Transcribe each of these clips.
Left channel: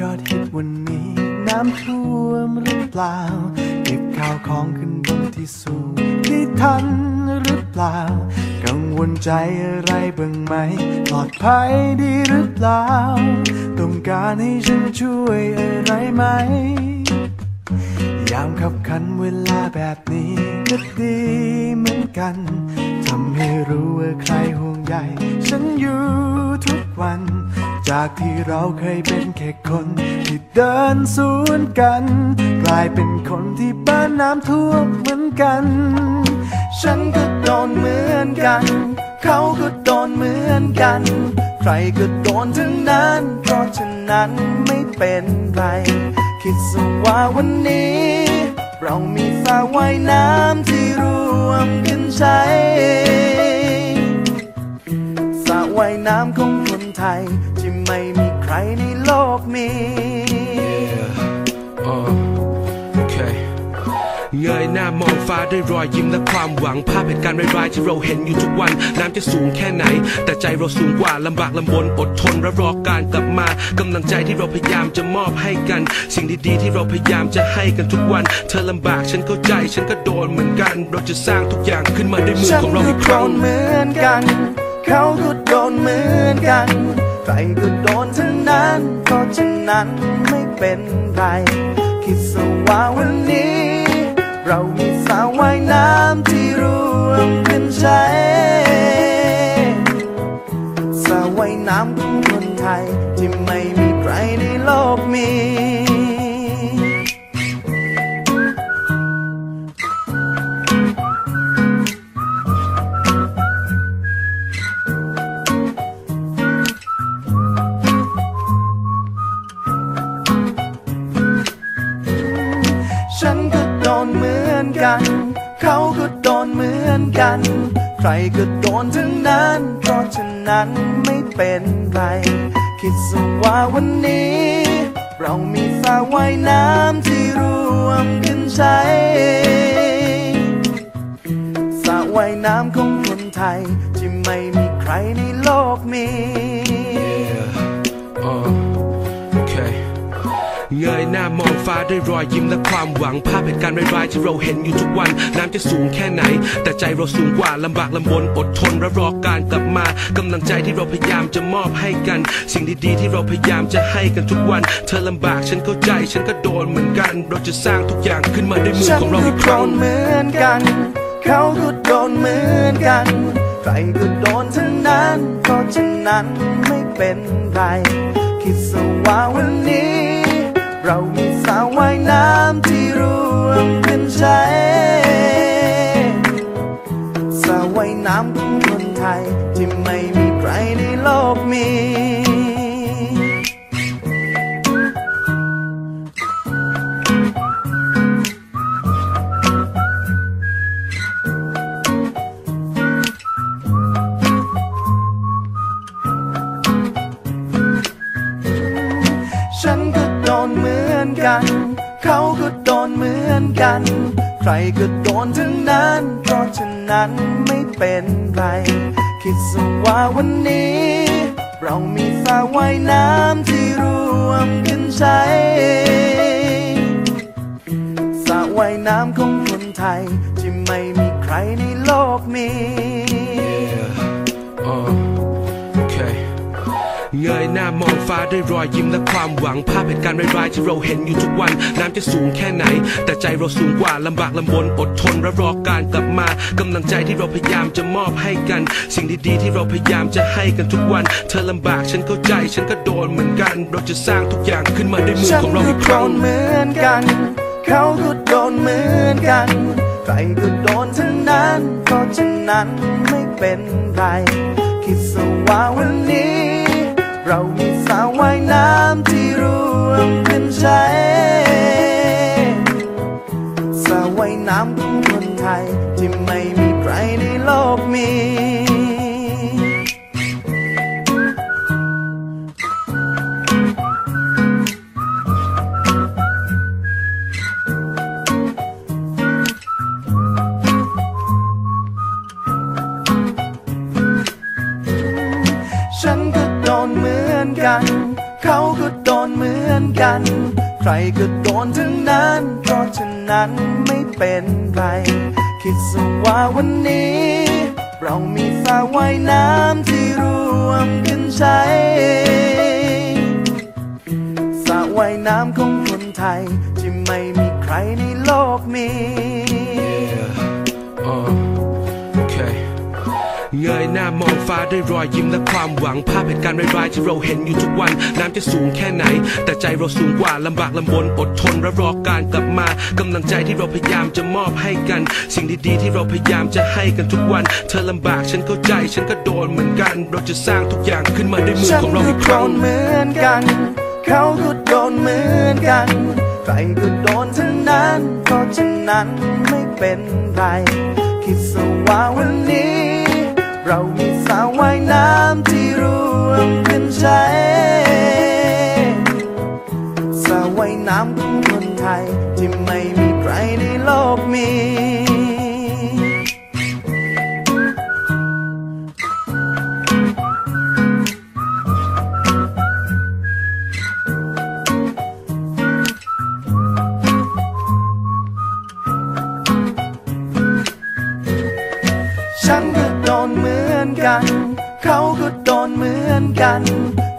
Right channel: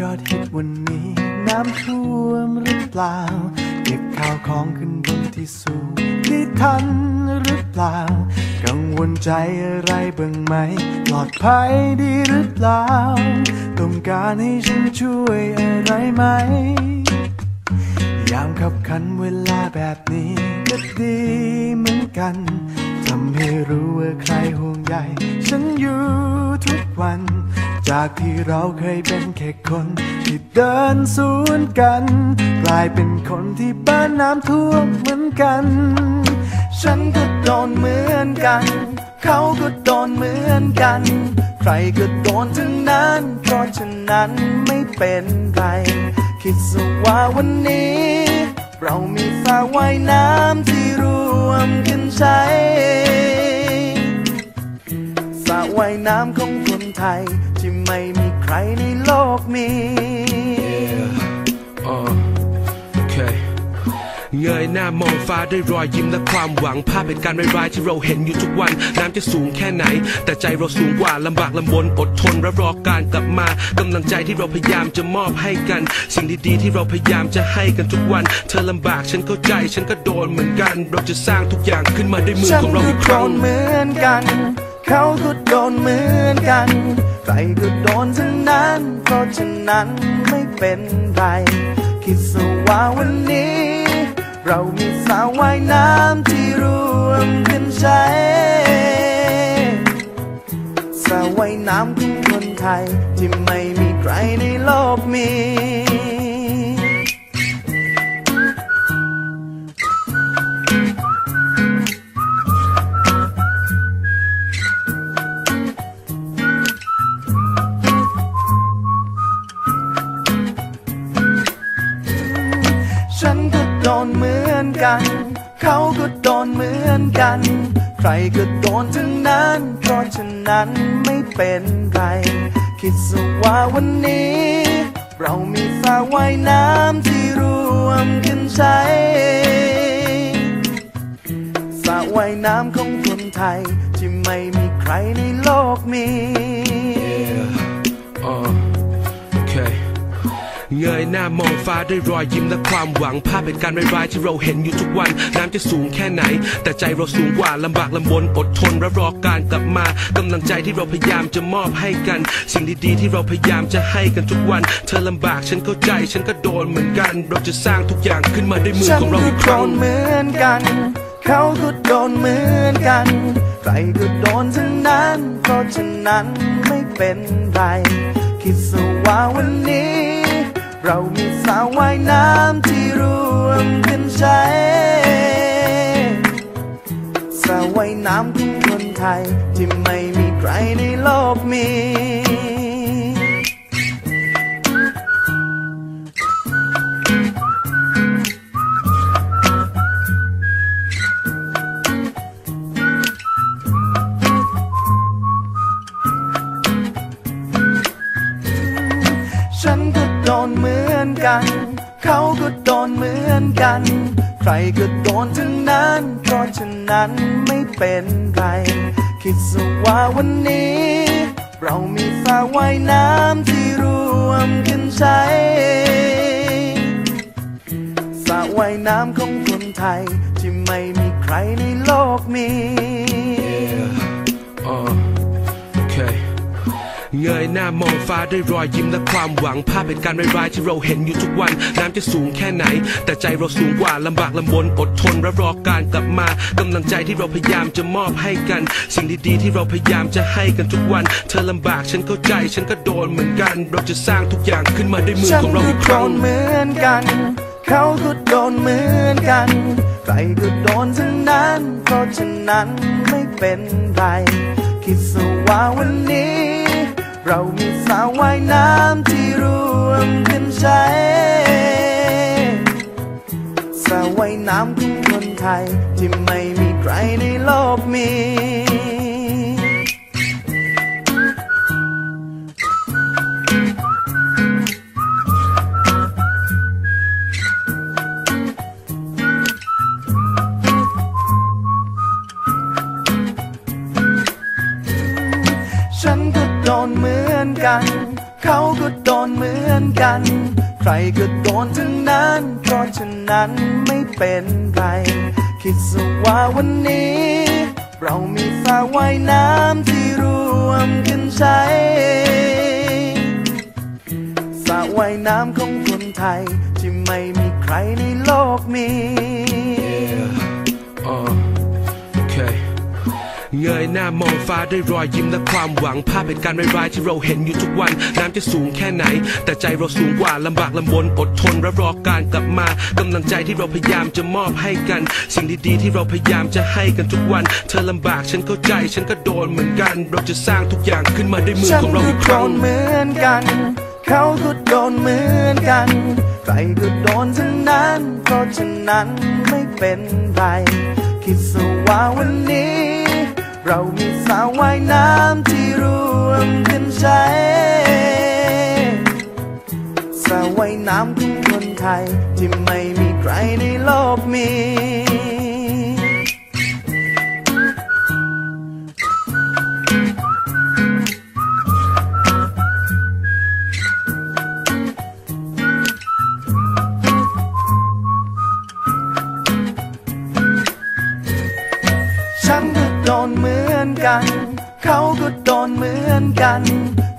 ยอดฮิตวันนี้ น้ำท่วมหรือเปล่า เก็บข้าวของขึ้นบนที่สูงได้ทันหรือเปล่า กังวลใจอะไรบ้างไหมปลอดภัยดีหรือเปล่า ต้องการให้ฉันช่วยอะไรไหม ยามขับขันเวลาแบบนี้ก็ดีเหมือนกัน ทำให้รู้ว่าใครห่วงใยฉันอยู่ทุกวัน จากที่เราเคยเป็นแค่คนที่เดินสวนกัน กลายเป็นคนที่บ้านน้ำท่วมเหมือนกัน ฉันก็โดนเหมือนกัน เขาก็โดนเหมือนกัน ใครก็โดนทั้งนั้น เพราะฉะนั้นไม่เป็นไร คิดซะว่าวันนี้ เรามีสระว่ายน้ำที่รวมกันใช้สระว่ายน้ำของคนไทย ที่ไม่มีใครในโลกมี Yeah. Uh, okay. เงยหน้ามองฟ้าด้วยรอยยิ้มและความหวังภาพเหตุการณ์ร้ายๆที่เราเห็นอยู่ทุกวัน น้ำจะสูงแค่ไหน แต่ใจเราสูงกว่าลำบากลำบนอดทนและรอการกลับมากำลังใจที่เราพยายามจะมอบให้กัน สิ่งดีๆที่เราพยายามจะให้กันทุกวัน เธอลำบากฉันเข้าใจฉันก็โดนเหมือนกัน เราจะสร้างทุกอย่างขึ้นมาด้วยมือฉันของเราก็อีกคโดรั้งนเหมือนกัน เขาก็โดนเหมือนกันใครก็โดนทั้งนั้น เพราะฉะนั้นไม่เป็นไร คิดซะว่าวันนี้ เรามีสาวว่ายน้ำที่รวมกันใช้สาวว่ายน้ำของคนไทย ที่ไม่มีใครในโลกมี รก็โดนทั้งนั้น เพราะฉะนั้นไม่เป็นไร คิดซะว่าวันนี้ เรามีสระว่ายน้ำที่รวมกันใช้สระว่ายน้ำของคนไทย ที่ไม่มีใครในโลกนี้ Yeah. Uh. เงยหน้ามองฟ้าด้วยรอยยิ้มและความหวังภาพเหตุการณ์ร้ายๆที่เราเห็นอยู่ทุกวัน น้ำจะสูงแค่ไหน แต่ใจเราสูงกว่าลำบากลำบนอดทนและรอการกลับมากำลังใจที่เราพยายามจะมอบให้กัน สิ่งดีๆที่เราพยายามจะให้กันทุกวัน เธอลำบากฉันเข้าใจฉันก็โดนเหมือนกัน เราจะสร้างทุกอย่างขึ้นมาด้วยมือฉันของเราก็อีกคโดรั้งนเหมือนกัน เขาก็โดนเหมือนกันใครก็โดนทั้งนั้น เพราะฉะนั้นไม่เป็นไร คิดซะว่าวันนี้ เรามีสระว่ายน้ำที่รวมกันใช้สระว่ายน้ำของคนไทย ที่ไม่มีใครในโลกมีฉันก็ โดนเหมือนกัน เขาก็โดนเหมือนกัน ใครก็โดนทั้งนั้น เพราะฉะนั้นไม่เป็นไร คิดซะว่าวันนี้ เรามีสระว่ายน้ำที่รวมกันใช้สระว่ายน้ำของคนไทย ที่ไม่มีใครในโลกนี้ Yeah. เงยหน้ามองฟ้าด้วยรอยยิ้มและความหวังภาพเหตุการณ์ร้ายๆที่เราเห็นอยู่ทุกวัน น้ำจะสูงแค่ไหน แต่ใจเราสูงกว่าลำบากลำบนอดทนและรอการกลับมากำลังใจที่เราพยายามจะมอบให้กัน สิ่งดีๆที่เราพยายามจะให้กันทุกวัน เธอลำบากฉันเข้าใจฉันก็โดนเหมือนกัน เราจะสร้างทุกอย่างขึ้นมาด้วยมือฉันของเราก็อีกคโดรั้งนเหมือนกัน เขาก็โดนเหมือนกันใครก็โดนทั้งนั้น เพราะฉะนั้นไม่เป็นไร คิดซะว่าวันนี้ เรามีสาวว่ายน้ำที่รวมกันใช้สาวว่ายน้ำของคนไทย ที่ไม่มีใครในโลกมี เหมือนกันเขาก็โดนเหมือนกัน ใครก็โดนทั้งนั้น เพราะฉะนั้นไม่เป็นไร คิดซะว่าวันนี้ เรามีสระว่ายน้ำที่รวมกันใช้สระว่ายน้ำของคนไทย ที่ไม่มีใครในโลกมี Yeah. Uh. เงยหน้ามองฟ้าด้วยรอยยิ้มและความหวังภาพเหตุการณ์ร้ายๆที่เราเห็นอยู่ทุกวัน น้ำจะสูงแค่ไหน แต่ใจเราสูงกว่าลำบากลำบนอดทนและรอการกลับมากำลังใจที่เราพยายามจะมอบให้กัน สิ่งดีๆที่เราพยายามจะให้กันทุกวัน เธอลำบากฉันเข้าใจฉันก็โดนเหมือนกัน เราจะสร้างทุกอย่างขึ้นมาด้วยมือฉันของเราก็อีกคโดรั้งนเหมือนกัน เขาก็โดนเหมือนกันใครก็โดนทั้งนั้นเพราะฉะนั้นไม่เป็นไรคิดซะว่าวันนี้ เรามีสาวว่ายน้ำที่รวมกันใช้สาวว่ายน้ำของคนไทย ที่ไม่มีใครในโลกมี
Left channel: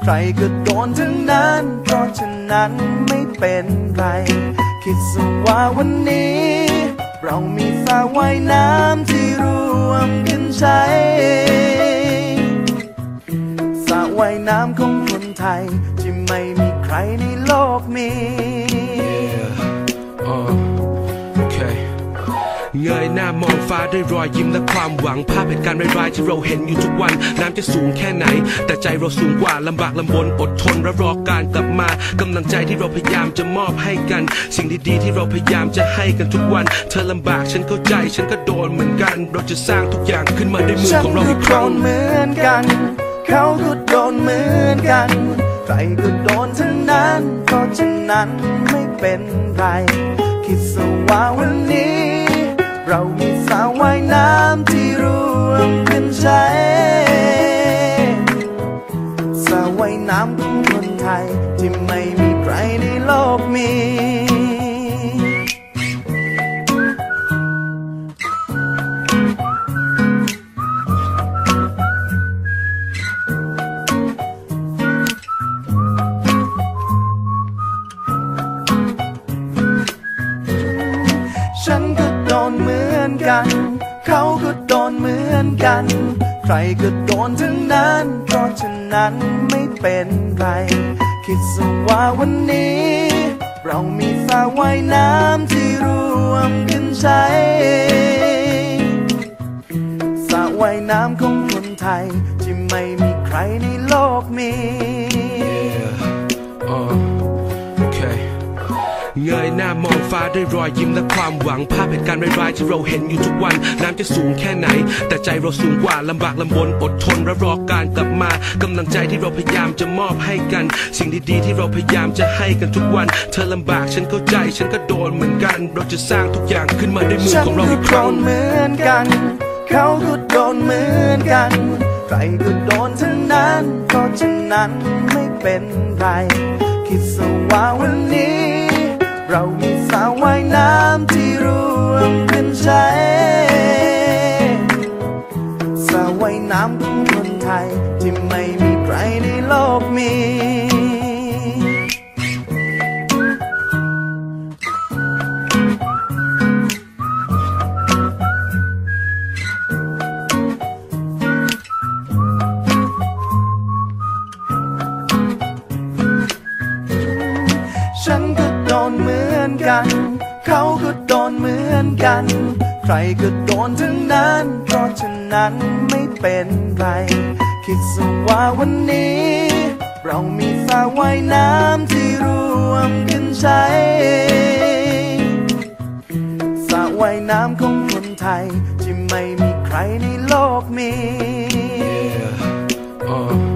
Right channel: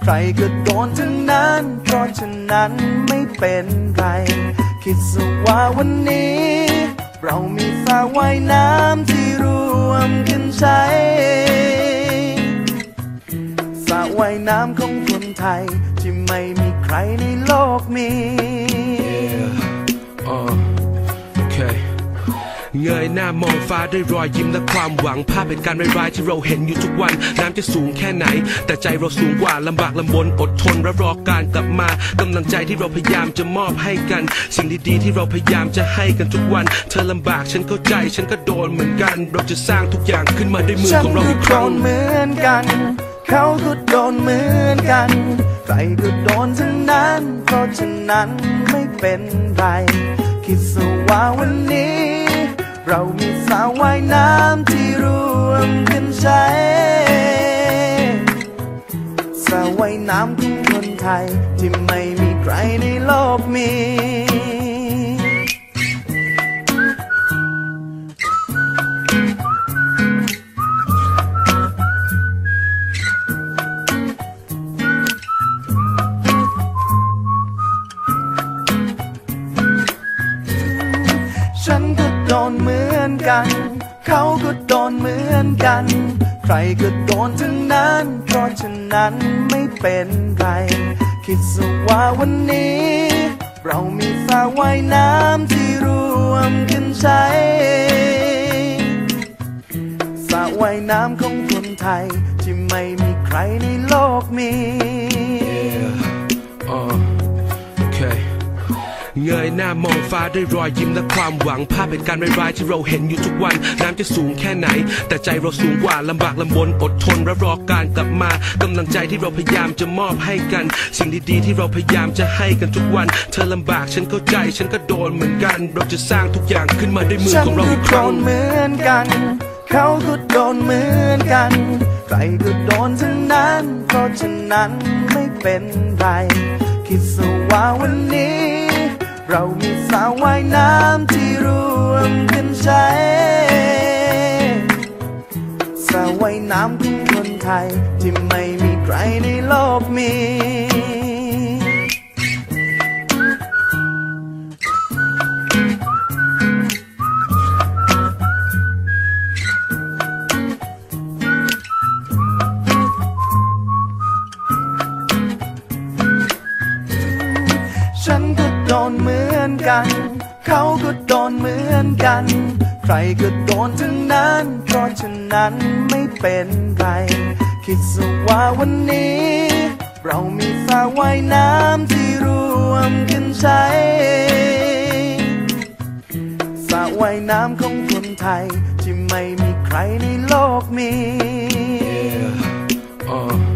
รก็โดนทั้งนั้น เพราะฉะนั้นไม่เป็นไร คิดซะว่าวันนี้ เรามีสระว่ายน้ำที่รวมกันใช้สระว่ายน้ำของคนไทย ที่ไม่มีใครในโลกมี Yeah. เงยหน้ามองฟ้าด้วยรอยยิ้มและความหวังภาพเหตุการณ์ร้ายๆที่เราเห็นอยู่ทุกวัน น้ำจะสูงแค่ไหน แต่ใจเราสูงกว่าลำบากลำบนอดทนและรอการกลับมากำลังใจที่เราพยายามจะมอบให้กัน สิ่งดีๆที่เราพยายามจะให้กันทุกวัน เธอลำบากฉันเข้าใจฉันก็โดนเหมือนกัน เราจะสร้างทุกอย่างขึ้นมาด้วยมือฉันของเราก็อีกคโดรั้งนเหมือนกัน เขาก็โดนเหมือนกันใครก็โดนทั้งนั้น เพราะฉะนั้นไม่เป็นไร คิดซะว่าวันนี้ เรามีสระว่ายน้ำที่รวมกันใช้สระว่ายน้ำของคนไทย ที่ไม่มีใครในโลกมีฉันก็ อนกัน เขาก็โดนเหมือนกัน ใครก็โดนทั้งนั้น เพราะฉะนั้นไม่เป็นไร คิดซะว่าวันนี้ เรามีสระว่ายน้ำที่รวมกันใช้สระว่ายน้ำของคนไทย ที่ไม่มีใครในโลกมี Yeah. Uh. เงยหน้ามองฟ้าด้วยรอยยิ้มและความหวังภาพเหตุการณ์ร้ายๆที่เราเห็นอยู่ทุกวัน น้ำจะสูงแค่ไหน แต่ใจเราสูงกว่าลำบากลำบนอดทนและรอการกลับมากำลังใจที่เราพยายามจะมอบให้กัน สิ่งดีๆที่เราพยายามจะให้กันทุกวัน เธอลำบากฉันเข้าใจฉันก็โดนเหมือนกัน เราจะสร้างทุกอย่างขึ้นมาด้วยมือฉันของเราก็อีกคโดรั้งนเหมือนกัน เขาก็โดนเหมือนกัน ใครก็โดนทั้งนั้นเพราะฉะนั้นไม่เป็นไรคิดซะว่าวันนี้ เรามีสาวว่ายน้ำที่รวมกันใช้สาวว่ายน้ำของคนไทย ที่ไม่มีใครในโลกมี กัน เขาก็โดนเหมือนกัน ใครก็โดนทั้งนั้น เพราะฉะนั้นไม่เป็นไร คิดซะว่าวันนี้ เรามีสระว่ายน้ำที่รวมกันใช้สระว่ายน้ำของคนไทย ที่ไม่มีใครในโลกมี Yeah. Uh.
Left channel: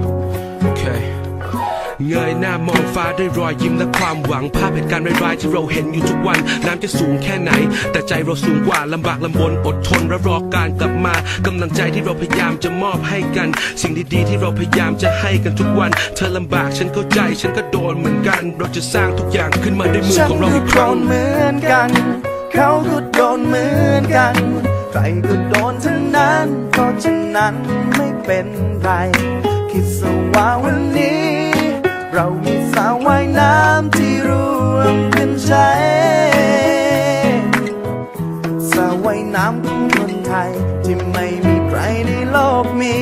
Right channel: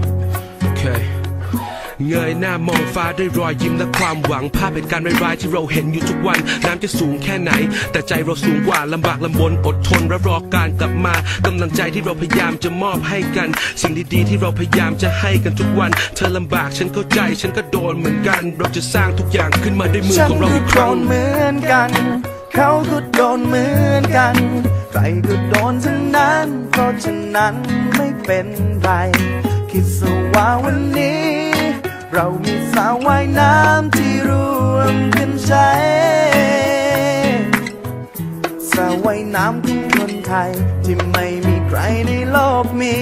เงยหน้ามองฟ้าด้วยรอยยิ้มและความหวังภาพเหตุการณ์ร้ายๆที่เราเห็นอยู่ทุกวัน น้ำจะสูงแค่ไหน แต่ใจเราสูงกว่าลำบากลำบนอดทนและรอการกลับมากำลังใจที่เราพยายามจะมอบให้กัน สิ่งดีๆที่เราพยายามจะให้กันทุกวัน เธอลำบากฉันเข้าใจฉันก็โดนเหมือนกัน เราจะสร้างทุกอย่างขึ้นมาด้วยมือฉันของเราก็อีกคโดรั้งนเหมือนกัน เขาก็โดนเหมือนกัน ใครก็โดนทั้งนั้นเพราะฉะนั้นไม่เป็นไรคิดสว่าวันนี้ เรามีสาวว่ายน้ำที่รวมกันใช้สาวว่ายน้ำของคนไทย ที่ไม่มีใครในโลกมี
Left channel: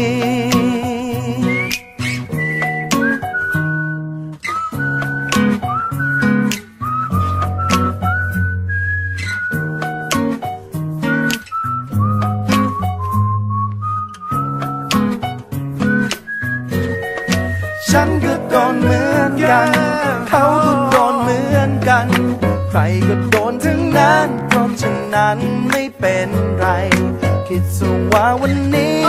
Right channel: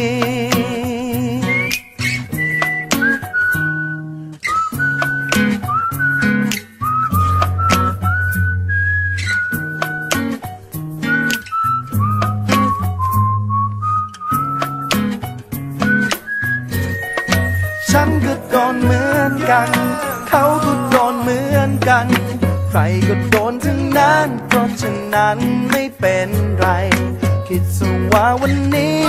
เขาก็โดนเหมือนกัน ใครก็โดนทั้งนั้น เพราะฉะนั้นไม่เป็นไร คิดสว่าวันนี้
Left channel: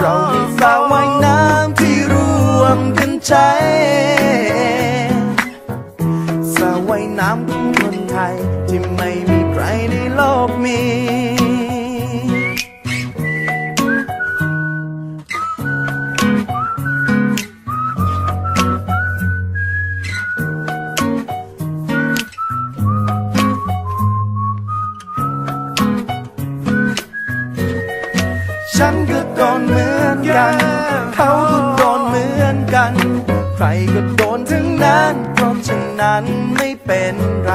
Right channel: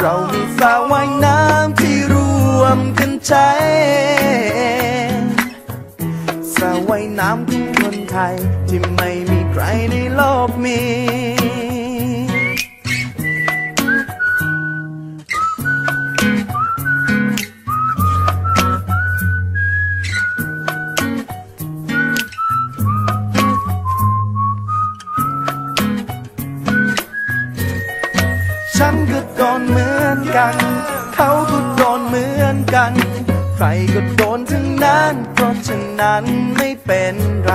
เรามีสาว่ายน้ำที่รวมกันใช้สาวว่ายน้ำของคนไทย ที่ไม่มีใครในโลกมี ใครก็โดนทั้งนั้น เพราะฉะนั้นไม่เป็นไร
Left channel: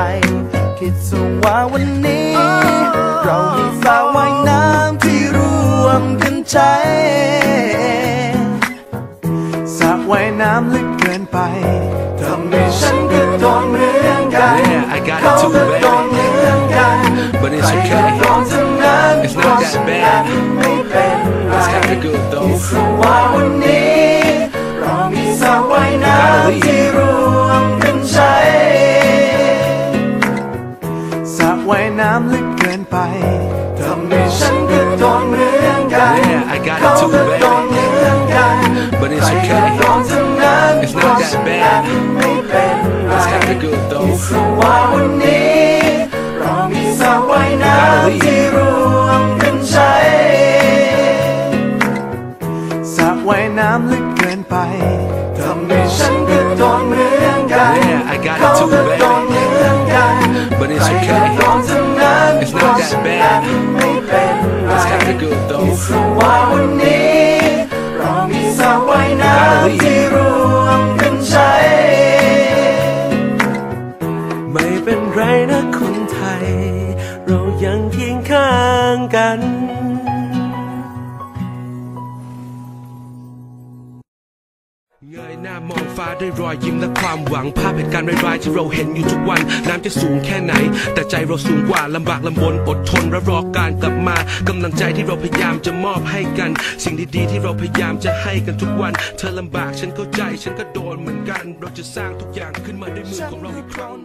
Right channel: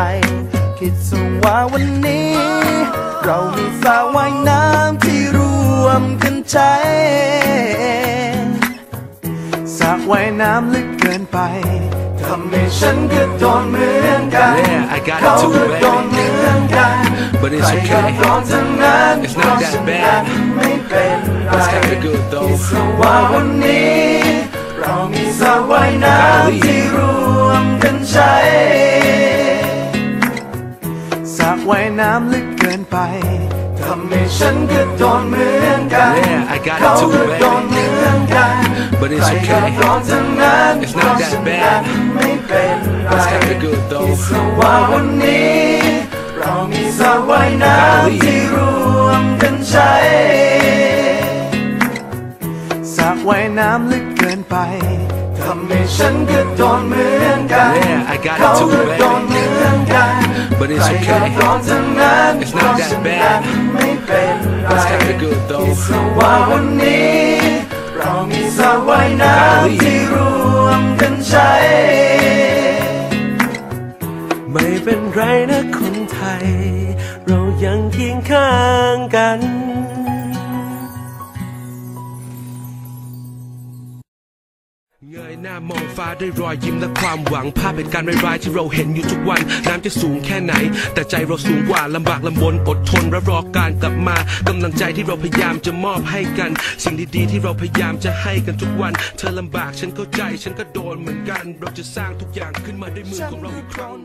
คิดสว่าวันนี้ เรามีสาว่ายน้ำที่รวมกันใช้สระว่ายน้ำลึกเกินไปทำให้ฉันก็โดนเหมือนกัน Yeah, I got it เขา too, ก็โดนเหมือนกัน But it's ใครก็ okay. โดนทั้งนั้น It's not that bad. ไม่เป็นไร It's kinda good though. คิดซะว่าวันนี้ สระว่ายน้ I gotta leave. ำที่รวมกันใช้สระว่ายน้ำลึกเกินไปทำให้ฉันก็โดนเหมือนกัน Yeah, I got it เขา too, ก็โดน baby. เหมือนกัน But it's ใครก็ okay. โดนทั้งนั้น It's not that bad. ไม่เป็นไร It's kinda good though. คิดซะว่าวันนี้ เรามีสระว่ายน้ I gotta leave. ำที่รวมกันใช้ส ระว่ายน้ำลึกเกินไปทำให้ฉันก็โดนเหมือนกัน Yeah, I got it เขา too, ก็โดนเหมือนกัน But it's ใครก็ okay. โดนทั้งนั้น It's not that bad. ไม่เป็นไร It's kinda good though. คิดซะว่าวันนี้ เรามีสระว่ายน้ำที่รวมกันใช้ ไม่เป็นไรนะคนไทย เรายังเคียงข้างกัน เงยหน้ามองฟ้าด้วยรอยยิ้มและความหวังภาพเหตุการณ์ร้ายๆที่เราเห็นอยู่ทุกวัน น้ำจะสูงแค่ไหน แต่ใจเราสูงกว่าลำบากลำบนอดทนและรอการกลับมากำลังใจที่เราพยายามจะมอบให้กัน สิ่งดีๆที่เราพยายามจะให้กันทุกวัน เธอลำบากฉันเข้าใจฉันก็โดนเหมือนกัน เราจะสร้างทุกอย่างขึ้นมาด้วยมือของเราอีกครั้ง